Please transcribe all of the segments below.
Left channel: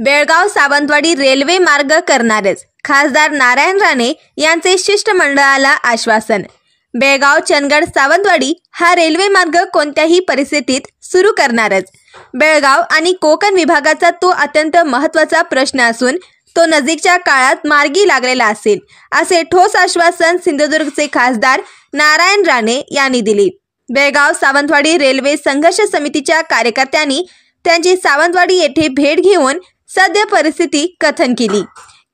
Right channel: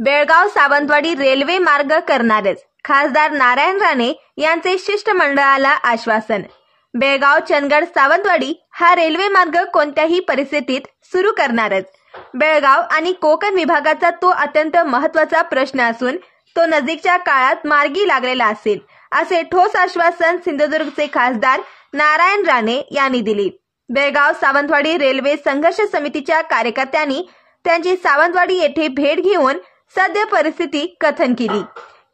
Belgaum Sawantwadi railway मार्ग करणारच, खासदार नारायण राणे यांचे शिष्टमंडळाला आश्वासन। बेळगाव चंदगड सावंतवाडी हा रेल्वे मार्ग कोणत्याही परिस्थितीत सुरू करणारच। बेळगाव आणि कोकण विभागाचा तो अत्यंत महत्त्वाचा प्रश्न असून तो नजीकच्या काळात मार्गी लागलेला असेल, असे ठोस आश्वासन सिंधुदुर्गचे खासदार नारायण राणे यांनी दिले। बेळगाव सावंतवाडी रेल्वे संघर्ष समितीच्या कार्यकर्त्यांनी त्यांची सावंतवाडी येथे भेट घेऊन सद्य परिस्थिती कथन केली।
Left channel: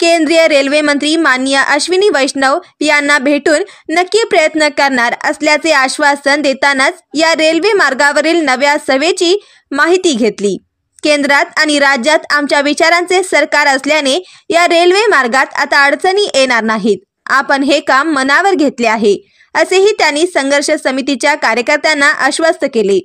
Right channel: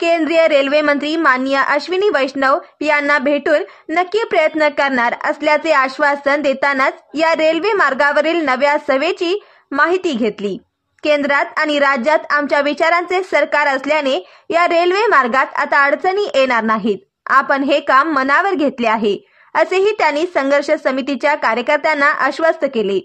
केंद्रीय रेल्वे मंत्री माननीय अश्विनी वैष्णव यांना भेटून नक्की प्रयत्न करणार असल्याचे आश्वासन देतानाच या रेल्वे मार्गावरील नव्या सभेची माहिती घेतली। केंद्रात आणि राज्यात आमच्या विचारांचे सरकार असल्याने या रेल्वे मार्गात आता अडचणी येणार नाहीत। आपण हे काम मनावर घेतले आहे, असेही त्यांनी संघर्ष समितीच्या कार्यकर्त्यांना आश्वस्त केले।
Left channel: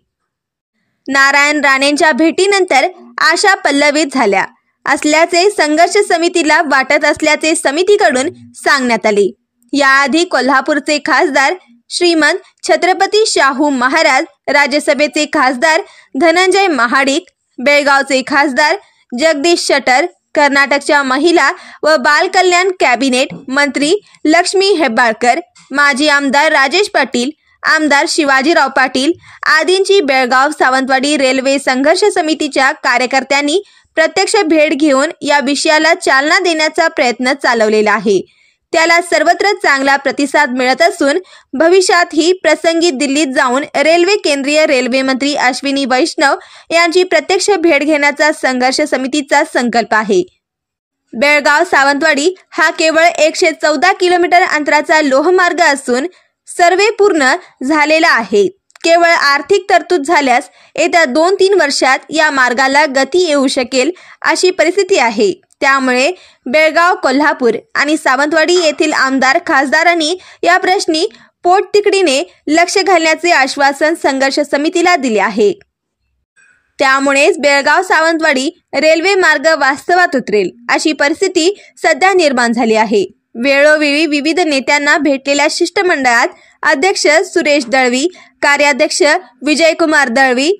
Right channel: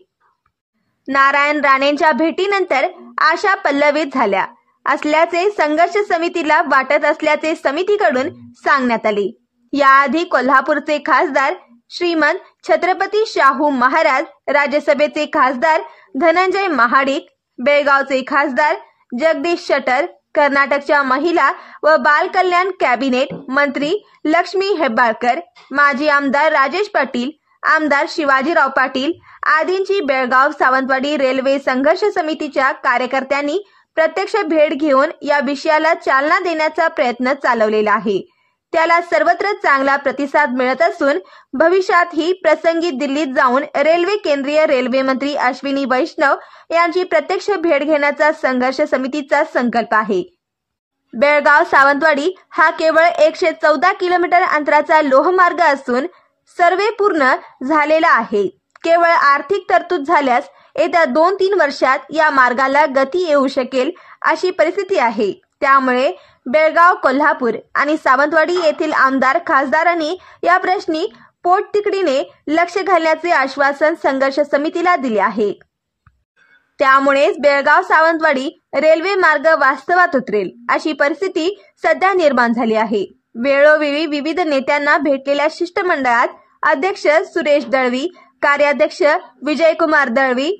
नारायण राणेंच्या भेटीनंतर आशा पल्लवित झाल्या असल्याचे संघर्ष समितीला वाटत असल्याचे समितीकडून सांगण्यात आले। याआधी कोल्हापूरचे खासदार श्रीमंत छत्रपती शाहू महाराज, राज्यसभेचे खासदार धनंजय महाडिक, बेळगावचे खासदार जगदीश शेट्टर, कर्नाटकच्या महिला व बाल कल्याण कॅबिनेट मंत्री लक्ष्मी हेब्बाळकर, माजी आमदार राजेश पाटील, आमदार शिवाजीराव पाटील आदींची बेळगाव सावंतवाडी रेल्वे संघर्ष समितीच्या कार्यकर्त्यांनी प्रत्यक्ष भेट घेऊन या विषयाला चालना देण्याचा प्रयत्न चालवलेला आहे। त्याला सर्वत्र चांगला प्रतिसाद मिळत असून भविष्यातही प्रसंगी दिल्लीत जाऊन रेल्वे केंद्रीय रेल्वे मंत्री अश्विनी वैष्णव यांची प्रत्यक्ष भेट घेण्याचा संघर्ष समितीचा संकल्प आहे। बेळगाव सावंतवाडी हा केवळ 114 किलोमीटर अंतराचा लोहमार्ग असून सर्वे पूर्ण झालेला आहे। केवळ आर्थिक तरतूद झाल्यास येत्या 2-3 वर्षात या मार्गाला गती येऊ शकेल अशी परिस्थिती आहे। त्यामुळे बेळगाव, कोल्हापूर आणि सावंतवाडी येथील आमदार खासदारांनी या प्रश्नी पोटतिडकीने लक्ष घालण्याचे आश्वासन संघर्ष समितीला दिले आहे। त्यामुळेच बेळगाव सावंतवाडी रेल्वे मार्ग वास्तवात उतरेल अशी परिस्थिती सध्या निर्माण झाली आहे। वेळोवेळी विविध नेत्यांना भेटलेल्या शिष्टमंडळात अध्यक्ष सुरेश दळवी, कार्याध्यक्ष विजयकुमार दळवी,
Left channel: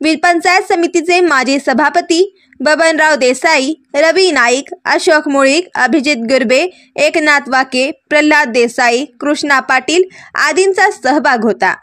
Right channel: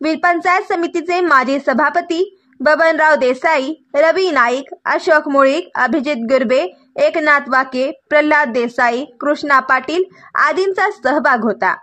पंचायत समितीचे माजी सभापती बबनराव देसाई, रवी नाईक, अशोक मुळीक, अभिजित गुरबे, एकनाथ वाके, प्रल्हाद देसाई, कृष्णा पाटील आदींचा सहभाग होता।